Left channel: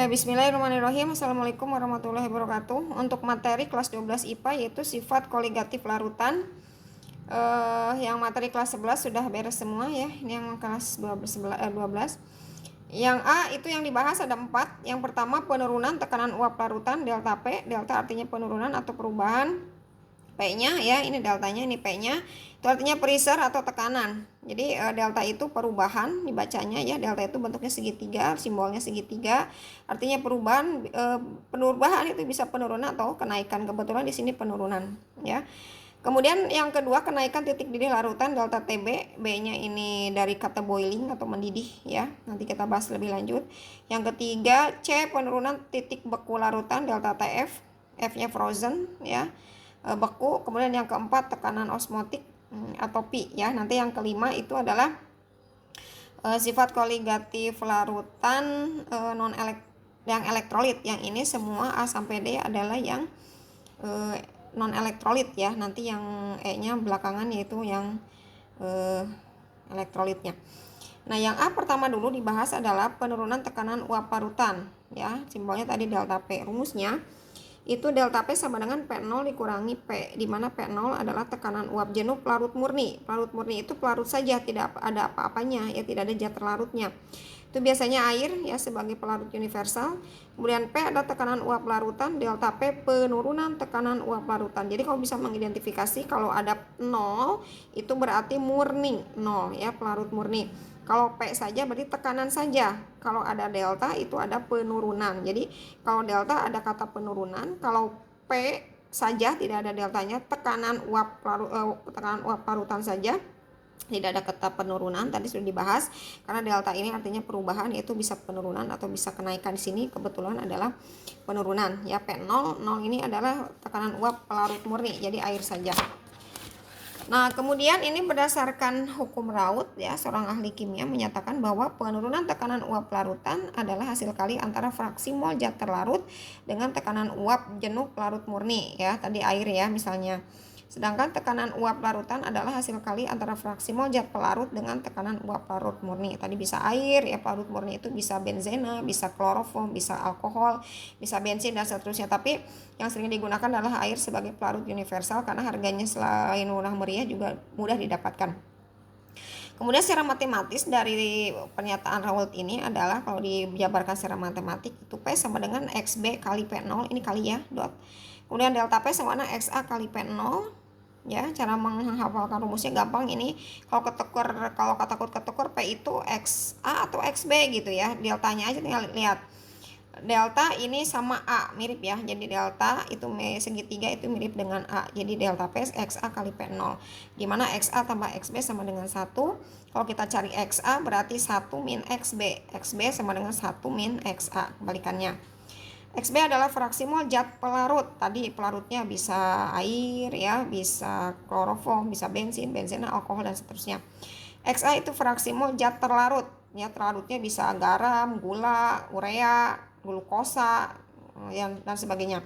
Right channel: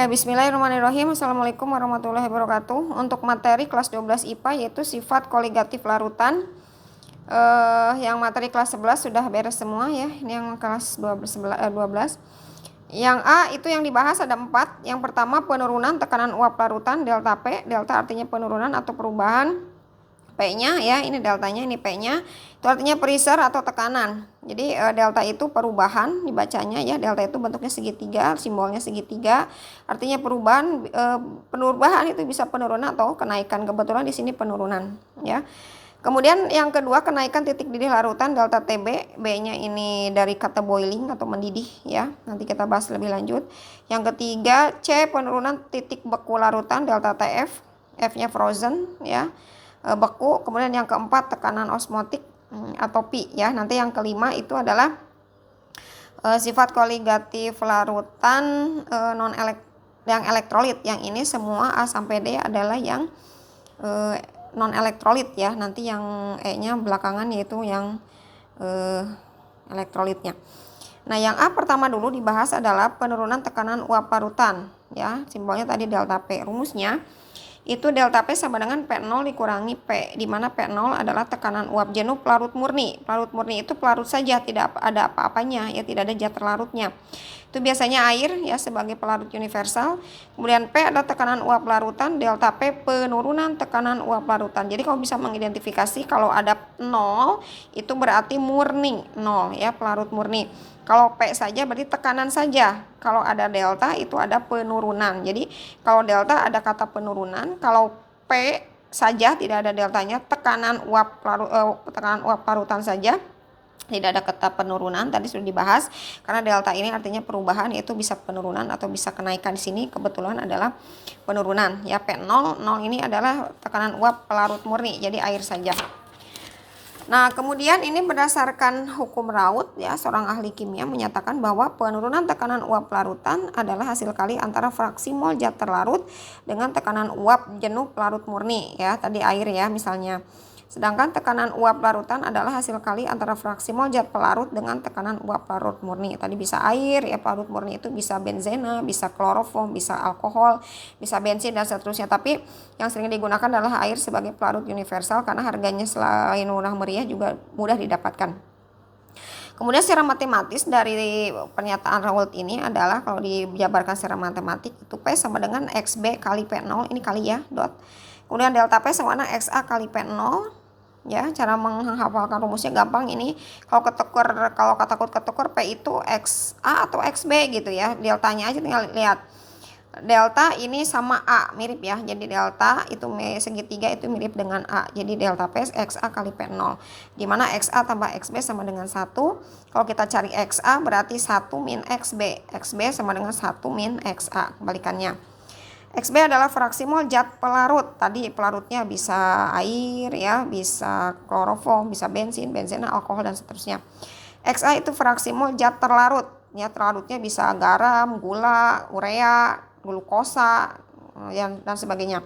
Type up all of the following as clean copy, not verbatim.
Oke, bismillahirrahmanirrahim. Assalamualaikum warahmatullahi wabarakatuh. Untuk materi kelas 12 IPA yaitu sifat koligatif larutan. Yang materi kelas 11 sudah beres semua ya. Ini yang kelas 12. Yang A itu yang dibahas ada 4. Yang pertama penurunan tekanan uap larutan delta P. Delta artinya penurunan atau perubahan. P-nya ya, ini deltanya, ini P-nya. Itu artinya pressure atau tekanan. Jadi delta itu perubahan dibacanya ya. Delta itu bentuknya segitiga, simbolnya segitiga. Artinya perubahan. Perubahan itu bisa penurunan atau kenaikan. Kebetulan di sini penurunan ya. Kemudian yang kedua kenaikan titik didih larutan delta TB. B-nya ini dari kata boiling atau mendidih ya. Nanti kita bahas lebih lanjut. Yang ketiga C penurunan titik beku larutan delta TF. F-nya frozen ya. Beku. Kemudian yang keempat tekanan osmotik atau pi ya. Nanti yang kelima itu adalah sifat koligatif larutan yang elektrolit. Yang ini semua A sampai D adalah yang non elektrolit ya. Nanti yang E-nya belakangan yaitu yang elektrolitnya. Nah, yang A pertama dulu dibahas adalah penurunan tekanan uap larutan ya. Simbolnya tadi delta P. Rumusnya itu delta P sama dengan P0 dikurangi P, di mana P0 adalah tekanan uap jenuh pelarut murni. Pelarut murni itu pelarut saja, tidak ada apa-apanya ya, tidak ada zat terlarutnya. Itu biasanya air ya sebagai pelarut universal. Kemudian P adalah tekanan uap larutan, delta P penurunan tekanan uap larutan. Jadi kamu bisa mengidentifikasi kalau ada 0 itu berarti murni 0 ya, pelarut murni. Kalau P saja berarti tekanan saja. Kalau ada delta itu ada penurunan. Jadi kalau delta ada kata penurunan. Kalau P saja tidak ada deltanya, tekanan uap larutan saja. Tidak ada kata penurunan, tadi sudah dibahas. Karena delta ini artinya perubahan, yaitu bisa penurunan atau bisa kenaikan. Di sini kebetulan adalah penurunan. Ya P0, 0 ini adalah tekanan uap pelarut murni, jadi air saja. Nah, kemudian ini berdasarkan hukum Raoult ya, seorang ahli kimia menyatakan bahwa penurunan tekanan uap larutan adalah hasil kali antara fraksi mol zat terlarut dengan tekanan uap jenuh pelarut murni ya, tadi air ya misalnya. Sedangkan tekanan uap larutan adalah hasil kali antara fraksi mol zat pelarut dengan tekanan uap larut murni. Tadi bisa air ya, pelarut murni itu bisa benzena, bisa kloroform, bisa alkohol, bisa bensin dan seterusnya. Tapi yang sering digunakan adalah air sebagai pelarut universal karena harganya selain murah meriah juga mudah didapatkan. Kemudian secara matematis dari pernyataan Raoult ini adalah kalau dijabarkan secara matematik itu P sama dengan XB kali P0, ini kali ya, dot. Kemudian delta P sama dengan XA kali P0. Ya, cara menghafalkan rumusnya gampang ini. Kalau takut ketuker P itu XA atau XB gitu ya. Deltanya aja tinggal lihat. Delta ini sama A mirip ya. Jadi delta itu segitiga itu mirip dengan A. Jadi delta P XA kali P0. Dimana XA tambah XB sama dengan 1. Kalau kita cari XA berarti 1 min XB. XB sama dengan 1 min XA. Kebalikannya. XB adalah fraksi mol zat pelarut. Tadi pelarutnya bisa air ya, bisa kloroform, bisa bensin, benzena, alkohol dan seterusnya. XA itu fraksi mol zat terlarut. Ya, terlarutnya bisa garam, gula, urea, glukosa dan sebagainya.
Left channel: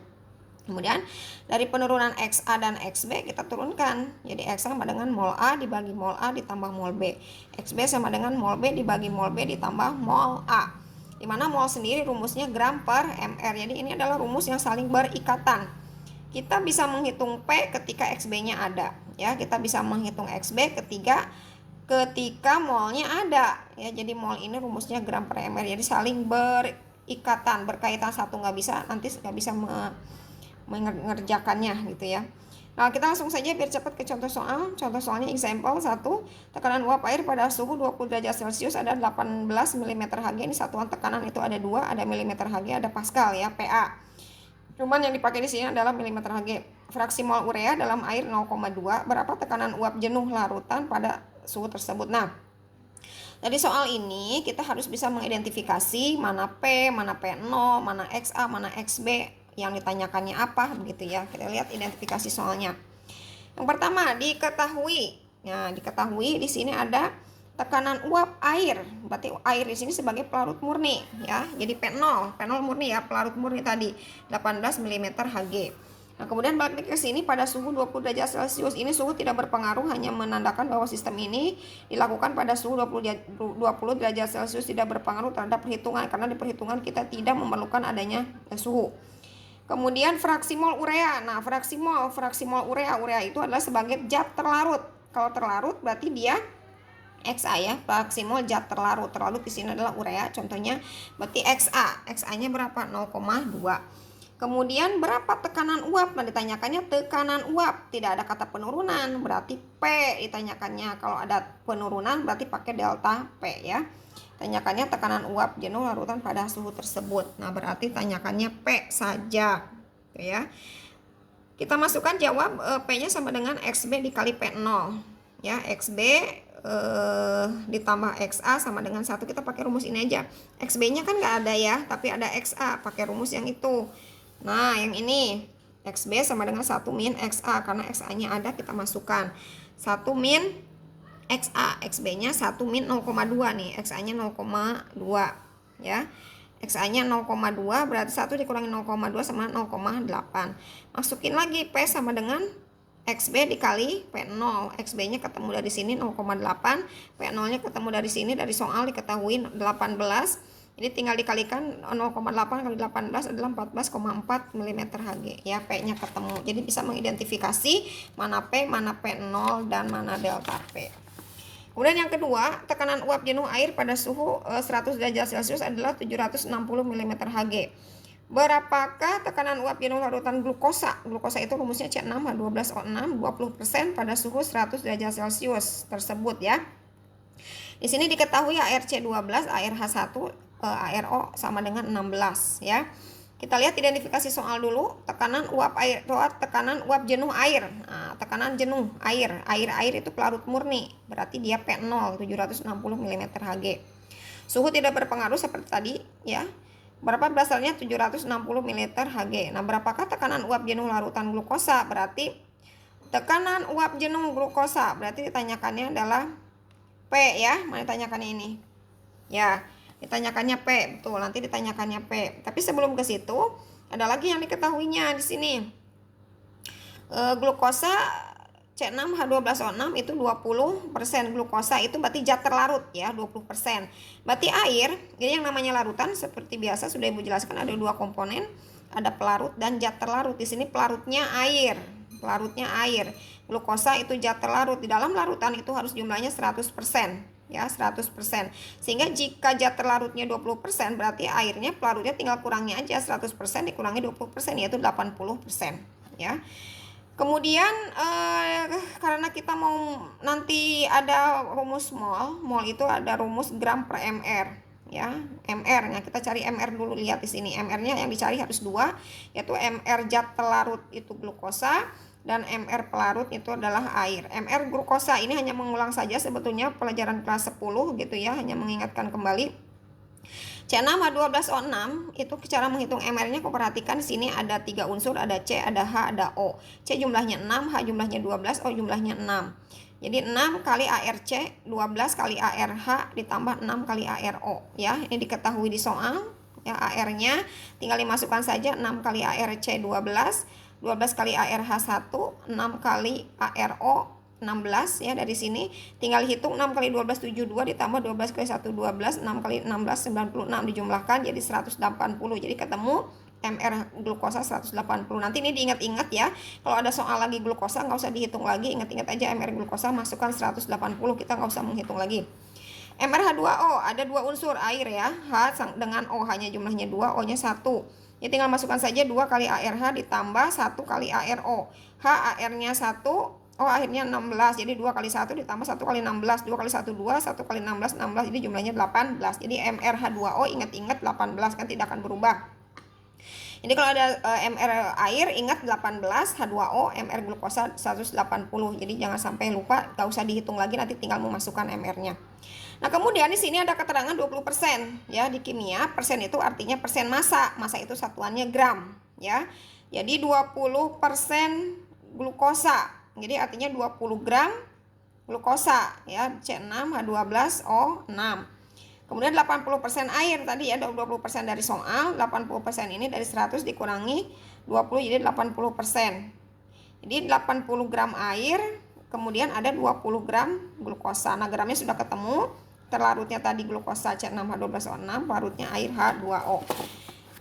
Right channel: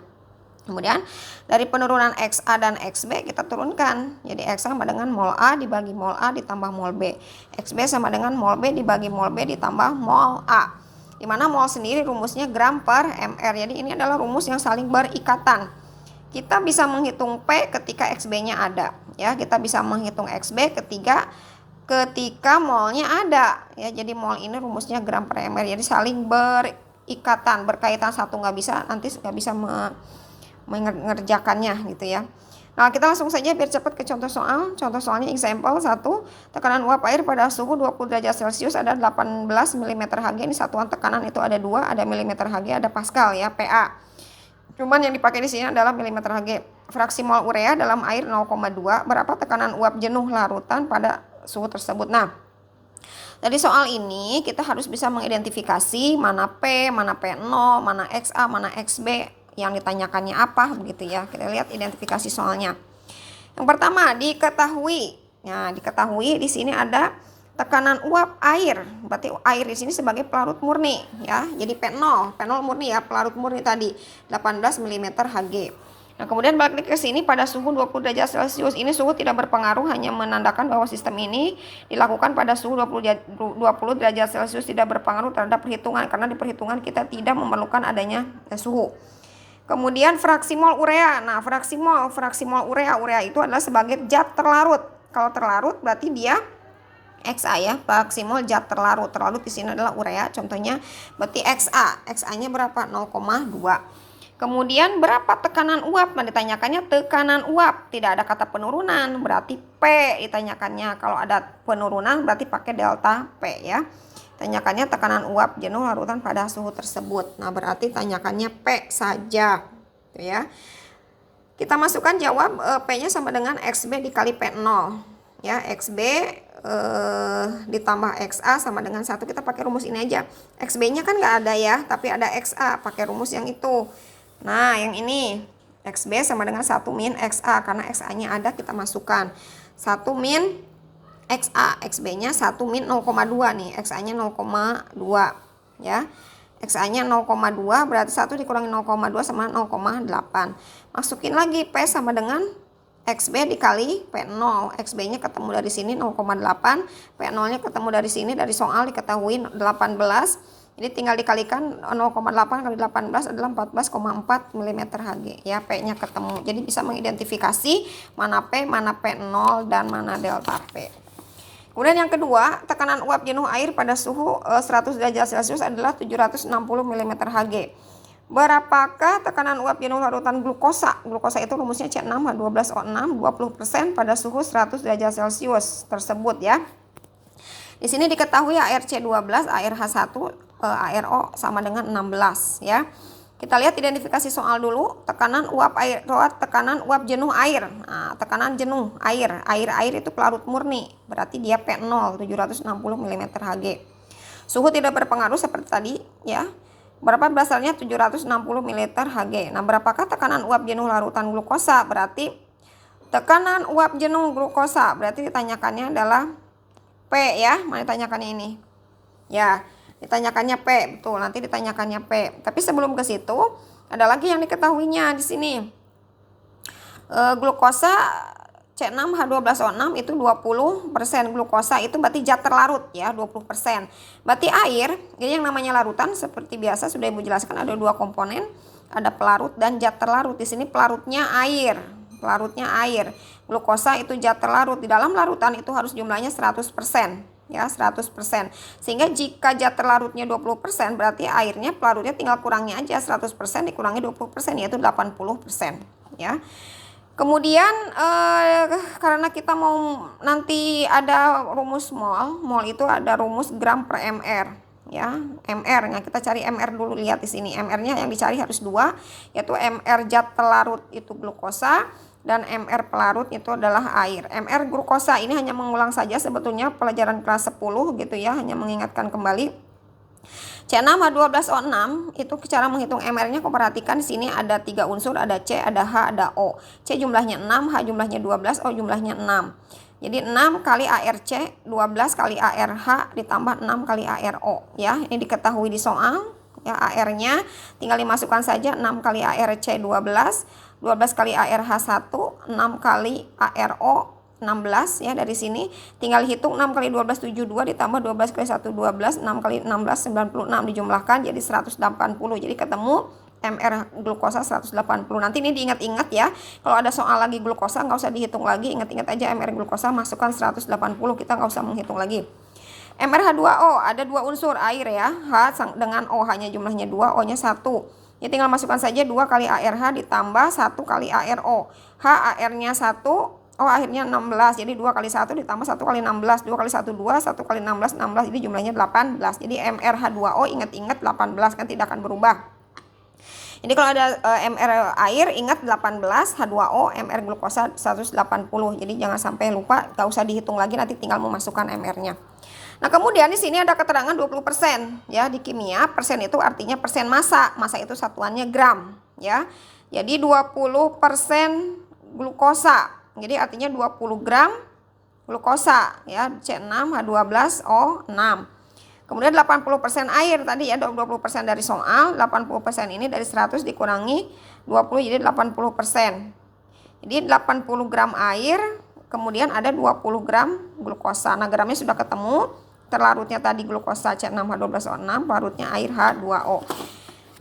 Kemudian dari penurunan XA dan XB kita turunkan. Jadi XA sama dengan mol A dibagi mol A ditambah mol B. XB sama dengan mol B dibagi mol B ditambah mol A. Di mana mol sendiri rumusnya gram per mr. Jadi ini adalah rumus yang saling berikatan. Kita bisa menghitung P ketika XB-nya ada. Ya, kita bisa menghitung XB ketika molnya ada. Ya, jadi mol ini rumusnya gram per mr. Jadi saling berikatan, berkaitan, satu nggak bisa, nanti nggak bisa mengerjakannya gitu ya. Nah, kita langsung saja biar cepat ke contoh soal. Contoh soalnya example 1. Tekanan uap air pada suhu 20 derajat Celcius ada 18 mm Hg. Ini satuan tekanan itu ada 2, ada mm Hg, ada Pascal ya, PA. Cuman yang dipakai di sini adalah mm Hg. Fraksi mol urea dalam air 0,2. Berapa tekanan uap jenuh larutan pada suhu tersebut? Nah, dari soal ini kita harus bisa mengidentifikasi mana P, mana P0, mana XA, mana XB. Yang ditanyakannya apa begitu ya. Kita lihat identifikasi soalnya. Yang pertama diketahui. Nah, diketahui di sini ada tekanan uap air. Berarti air di sini sebagai pelarut murni ya. Jadi P0 murni ya, pelarut murni tadi 18 mm Hg. Nah, kemudian balik lagi ke sini pada suhu 20 derajat Celcius. Ini suhu tidak berpengaruh, hanya menandakan bahwa sistem ini dilakukan pada suhu 20 derajat Celcius, tidak berpengaruh terhadap perhitungan karena di perhitungan kita tidak memerlukan adanya suhu. Kemudian fraksi mol urea. Nah, fraksi mol urea itu adalah sebagai zat terlarut. Kalau terlarut berarti dia XA ya, fraksi mol zat terlarut. Terlarut di sini adalah urea, contohnya berarti XA. XA-nya berapa? 0,2. Kemudian berapa tekanan uap? Nah, ditanyakannya tekanan uap, tidak ada kata penurunan, berarti P ditanyakannya. Kalau ada penurunan berarti pakai delta P ya. Tanyakannya tekanan uap jenuh larutan pada suhu tersebut. Nah, berarti tanyakannya P saja. Tuh ya. Kita masukkan jawab, P-nya sama dengan XB dikali P0. Ya, XB ditambah XA sama dengan 1. Kita pakai rumus ini aja. XB-nya kan nggak ada ya, tapi ada XA, pakai rumus yang itu. Nah, yang ini XB sama dengan 1 min XA, karena XA-nya ada kita masukkan. 1 min XA, XB-nya 1 min 0,2 nih, XA-nya 0,2 ya. XA-nya 0,2 berarti 1 dikurangi 0,2 sama 0,8. Masukin lagi P sama dengan XB dikali P0. XB-nya ketemu dari sini 0,8, P0-nya ketemu dari sini, dari soal diketahui 18. Jadi tinggal dikalikan 0,8 kali 18 adalah 14,4 mm Hg ya, P-nya ketemu. Jadi bisa mengidentifikasi mana P, mana P0 dan mana delta P. Kemudian yang kedua, tekanan uap jenuh air pada suhu 100 derajat Celcius adalah 760 mm Hg. Berapakah tekanan uap jenuh larutan glukosa? Glukosa itu rumusnya C6H12O6 20% pada suhu 100 derajat Celcius tersebut ya. Di sini diketahui ARC12, ARH1, ARO sama dengan 16 ya. Kita lihat identifikasi soal dulu. Tekanan uap air, tekanan uap jenuh air. Nah, tekanan jenuh air. Air itu pelarut murni. Berarti dia P0 760 mm Hg. Suhu tidak berpengaruh seperti tadi ya. Berapa berasalnya 760 ml Hg. Nah, berapakah tekanan uap jenuh larutan glukosa? Berarti tekanan uap jenuh glukosa berarti ditanyakannya adalah P ya. Mana ditanyakannya ini? Ya, ditanyakannya P, betul. Nanti ditanyakannya P. Tapi sebelum ke situ, ada lagi yang diketahuinya di sini. Glukosa C6H12O6 itu 20%. Glukosa itu berarti zat terlarut ya, 20%. Berarti air, jadi yang namanya larutan seperti biasa sudah Ibu jelaskan ada dua komponen, ada pelarut dan zat terlarut. Di sini pelarutnya air. Pelarutnya air. Glukosa itu zat terlarut. Di dalam larutan itu harus jumlahnya 100%. Ya, 100%. Sehingga jika zat terlarutnya 20%, berarti airnya pelarutnya tinggal kurangnya aja 100% dikurangi 20%, yaitu 80% ya. Kemudian karena kita mau nanti ada rumus mol itu ada rumus gram per mr ya, mr. Nah, kita cari mr dulu, lihat di sini mr-nya yang dicari harus 2, yaitu mr zat pelarut itu glukosa dan MR pelarut itu adalah air. MR glukosa ini hanya mengulang saja sebetulnya pelajaran kelas 10 gitu ya, hanya mengingatkan kembali. C6H12O6 itu cara menghitung MR-nya, kau perhatikan sini ada 3 unsur, ada C, ada H, ada O. C jumlahnya 6, H jumlahnya 12, O jumlahnya 6. Jadi 6 kali ARC, 12 kali ARH ditambah 6 kali ARO ya. Ini diketahui di soal. Ya, AR-nya tinggal dimasukkan saja 6 kali ARC 12 kali ARH1, 6 kali ARO 16 ya, dari sini tinggal hitung 6 kali 12 72 ditambah 12 kali 1 12, 6 kali 16 96 dijumlahkan jadi 180. Jadi ketemu MR glukosa 180. Nanti ini diingat-ingat ya. Kalau ada soal lagi glukosa nggak usah dihitung lagi, ingat-ingat aja MR glukosa masukkan 180, kita nggak usah menghitung lagi. MrH2O ada 2 unsur air ya, H dengan O, hanya jumlahnya 2, O-nya 1. Ya, tinggal masukkan saja 2 kali ARH ditambah 1 kali ARO. H AR-nya 1, O akhirnya 16. Jadi 2 kali 1 ditambah 1 kali 16. 2 kali 1 2, 1 kali 16 16. Jadi jumlahnya 18. Jadi MrH2O ingat-ingat 18 kan tidak akan berubah. Jadi kalau ada MR air ingat 18, H2O, MR glukosa 180. Jadi jangan sampai lupa, gak usah dihitung lagi, nanti tinggal memasukkan MR-nya. Nah, kemudian di sini ada keterangan 20% ya, di kimia persen itu artinya persen massa. Massa itu satuannya gram ya. Jadi 20% glukosa. Jadi artinya 20 gram glukosa ya, C6H12O6. Kemudian 80% air tadi ya, 20% dari soal, 80% ini dari 100 dikurangi 20 jadi 80%. Jadi 80 gram air, kemudian ada 20 gram glukosa. Nah, gramnya sudah ketemu. Terlarutnya tadi glukosa C6H12O6, larutnya air H2O.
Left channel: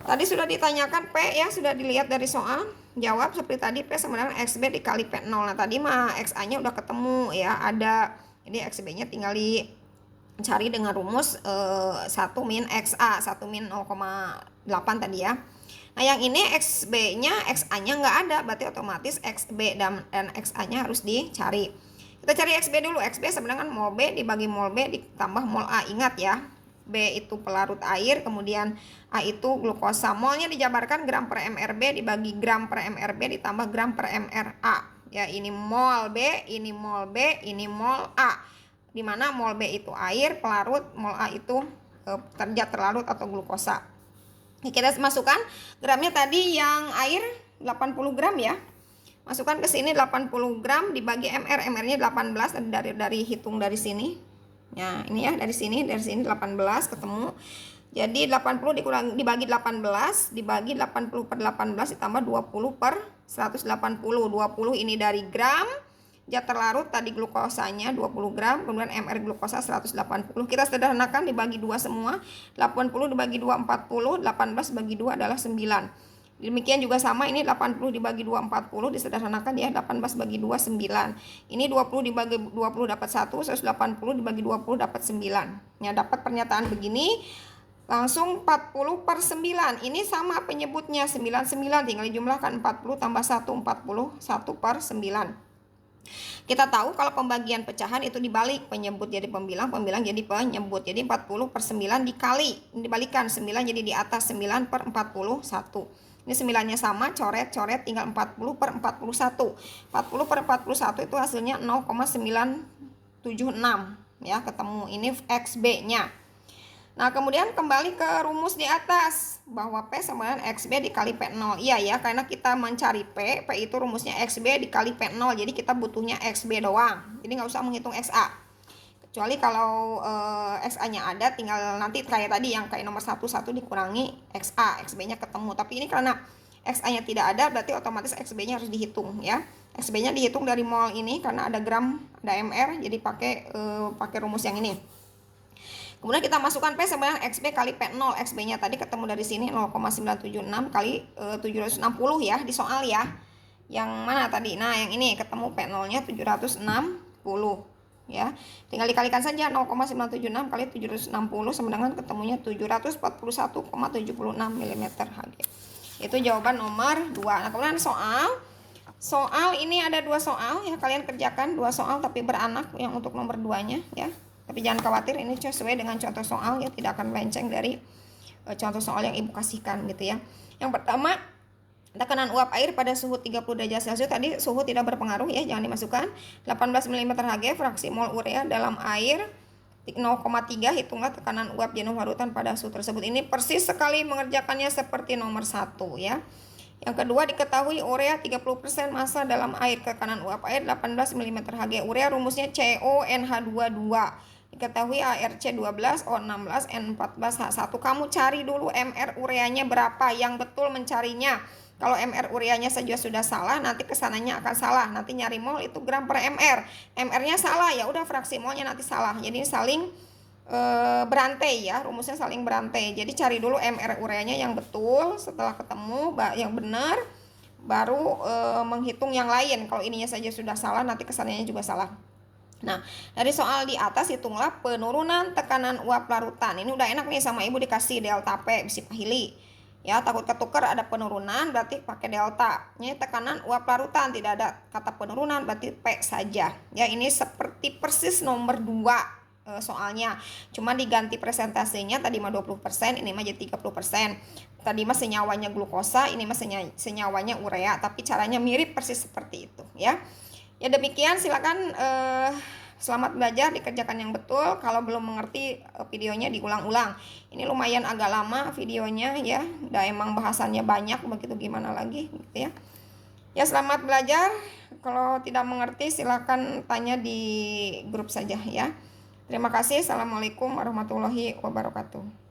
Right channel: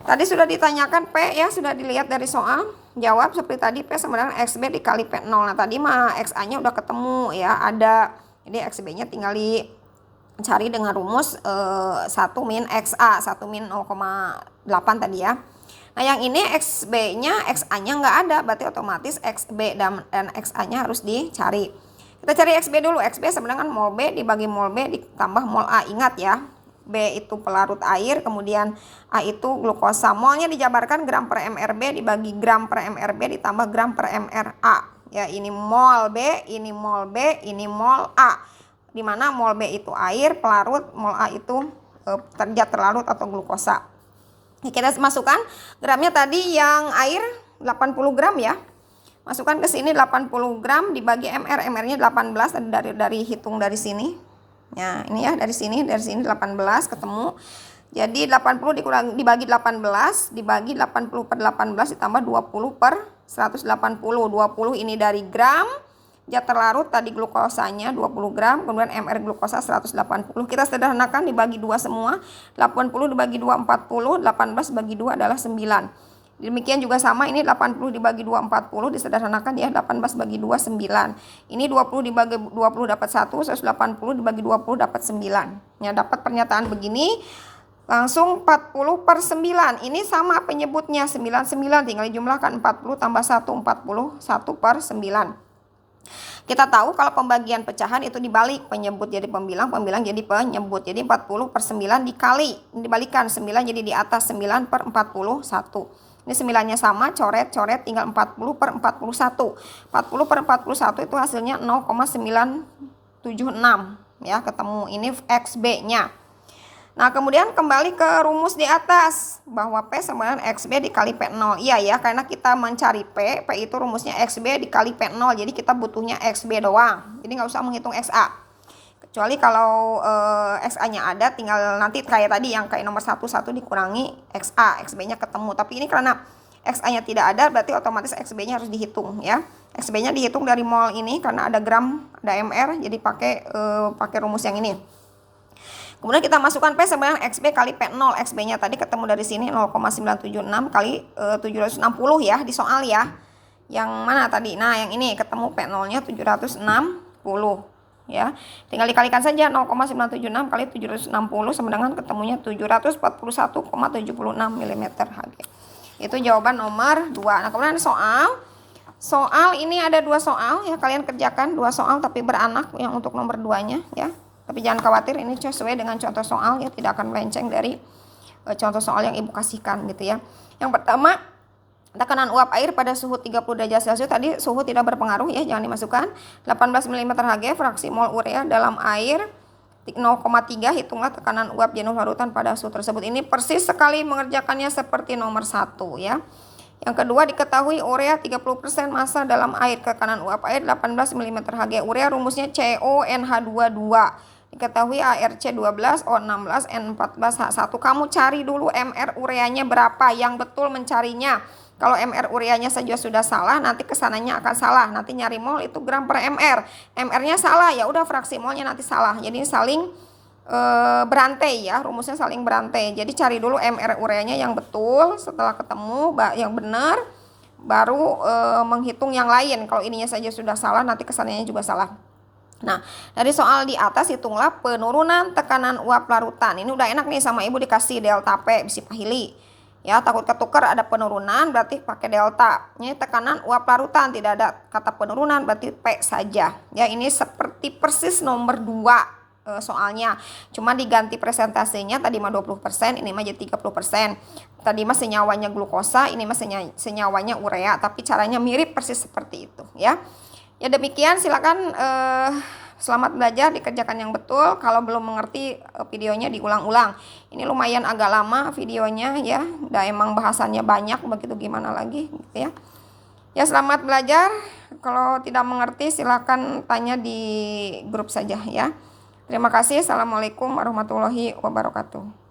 Tadi sudah ditanyakan P ya, sudah dilihat dari soal. Jawab seperti tadi, P sama dengan XB dikali P0. Nah, tadi mah XA-nya udah ketemu ya, ada. Jadi XB-nya tinggal dicari dengan rumus 1 min XA, 1 min 0,8 tadi ya. Nah, yang ini XB-nya, XA-nya nggak ada, berarti otomatis XB dan XA-nya harus dicari. Kita cari XB dulu. XB sama dengan mol B dibagi mol B ditambah mol A. Ingat ya, B itu pelarut air, kemudian A itu glukosa. Molnya dijabarkan gram per mRB dibagi gram per mRB ditambah gram per mRA. Ya, ini mol B, ini mol B, ini mol A. Dimana mol B itu air pelarut, mol A itu zat terlarut atau glukosa. Kita masukkan gramnya tadi yang air 80 gram ya. Masukkan ke sini 80 gram dibagi mR, mR-nya 18 dari hitung dari sini. Ya, ini ya dari sini 18 ketemu. Jadi 80 dibagi 18 dibagi 80 per 18 ditambah 20 per 180. 20 ini dari gram. Zat terlarut tadi glukosanya 20 gram, kemudian mR glukosa 180. Kita sederhanakan dibagi 2 semua. 80 dibagi 2 40, 18 bagi 2 adalah 9. Demikian juga sama, ini 80 dibagi 2 40 disederhanakan ya, 18 bagi 2 9. Ini 20 dibagi 20 dapat 1, 180 dibagi 20 dapat 9. Ya, dapat pernyataan begini. Langsung 40 per 9. Ini sama penyebutnya 99, tinggal dijumlahkan 40 tambah 1, 41 per 9. Kita tahu kalau pembagian pecahan itu dibalik, penyebut jadi pembilang, pembilang jadi penyebut. Jadi 40 per 9 dikali, dibalikan 9 jadi di atas 9 per 41. Ini 9-nya sama, coret-coret tinggal 40 per 41. 40 per 41 itu hasilnya 0,976 ya, ketemu. Ini XB-nya. Nah, kemudian kembali ke rumus di atas bahwa P sama dengan XB dikali P0. Iya ya, karena kita mencari P itu rumusnya XB dikali P0. Jadi kita butuhnya XB doang. Jadi nggak usah menghitung XA. Kecuali kalau XA-nya ada, tinggal nanti kayak tadi yang kayak nomor 1 dikurangi XA, XB-nya ketemu. Tapi ini karena XA-nya tidak ada, berarti otomatis XB-nya harus dihitung ya. XB-nya dihitung dari mol ini karena ada gram, ada mR, jadi pakai rumus yang ini. Kemudian kita masukkan P sama dengan XB kali P0. XB-nya tadi ketemu dari sini 0,976 kali 760 ya di soal ya. Yang mana tadi? Nah, yang ini ketemu P0-nya 760 ya. Tinggal dikalikan saja 0,976 kali 760 sama dengan ketemunya 741,76 mm Hg. Itu jawaban nomor 2. Nah, kemudian soal ini ada 2 soal ya, kalian kerjakan 2 soal tapi beranak yang untuk nomor 2-nya ya. Tapi jangan khawatir, ini sesuai dengan contoh soal ya, tidak akan melenceng dari contoh soal yang Ibu kasihkan gitu ya. Yang pertama, tekanan uap air pada suhu 30 derajat Celcius, tadi suhu tidak berpengaruh ya, jangan dimasukkan. 18 mm Hg, fraksi mol urea dalam air 0,3, hitunglah tekanan uap jenuh larutan pada suhu tersebut. Ini persis sekali mengerjakannya seperti nomor 1 ya. Yang kedua, diketahui urea 30% massa dalam air, tekanan uap air 18 mm Hg. Urea rumusnya CONH22. Diketahui ARC 12, O16, N14H1. Kamu cari dulu MR ureanya berapa, yang betul mencarinya. Kalau MR ureanya saja sudah salah, nanti kesananya akan salah. Nanti nyari mol itu gram per MR. MR-nya salah, ya udah fraksi molnya nanti salah. Jadi saling berantai ya, rumusnya saling berantai. Jadi cari dulu MR ureanya yang betul, setelah ketemu yang benar, baru menghitung yang lain. Kalau ininya saja sudah salah, nanti kesananya juga salah. Nah, dari soal di atas hitunglah penurunan tekanan uap larutan. Ini udah enak nih, sama Ibu dikasih delta P, bisi pahili. Ya, takut ketukar ada penurunan berarti pakai delta. Ini tekanan uap larutan, tidak ada kata penurunan berarti P saja. Ya, ini seperti persis nomor 2 soalnya. Cuma diganti presentasinya, tadi mah 20%, ini mah jadi 30%. Tadi mah senyawanya glukosa, ini mah senyawanya urea, tapi caranya mirip persis seperti itu ya. Ya demikian, silakan selamat belajar, dikerjakan yang betul. Kalau belum mengerti videonya diulang-ulang. Ini lumayan agak lama videonya ya. Udah emang bahasannya banyak, begitu gimana lagi gitu ya. Ya selamat belajar. Kalau tidak mengerti silakan tanya di grup saja ya. Terima kasih. Assalamualaikum warahmatullahi wabarakatuh.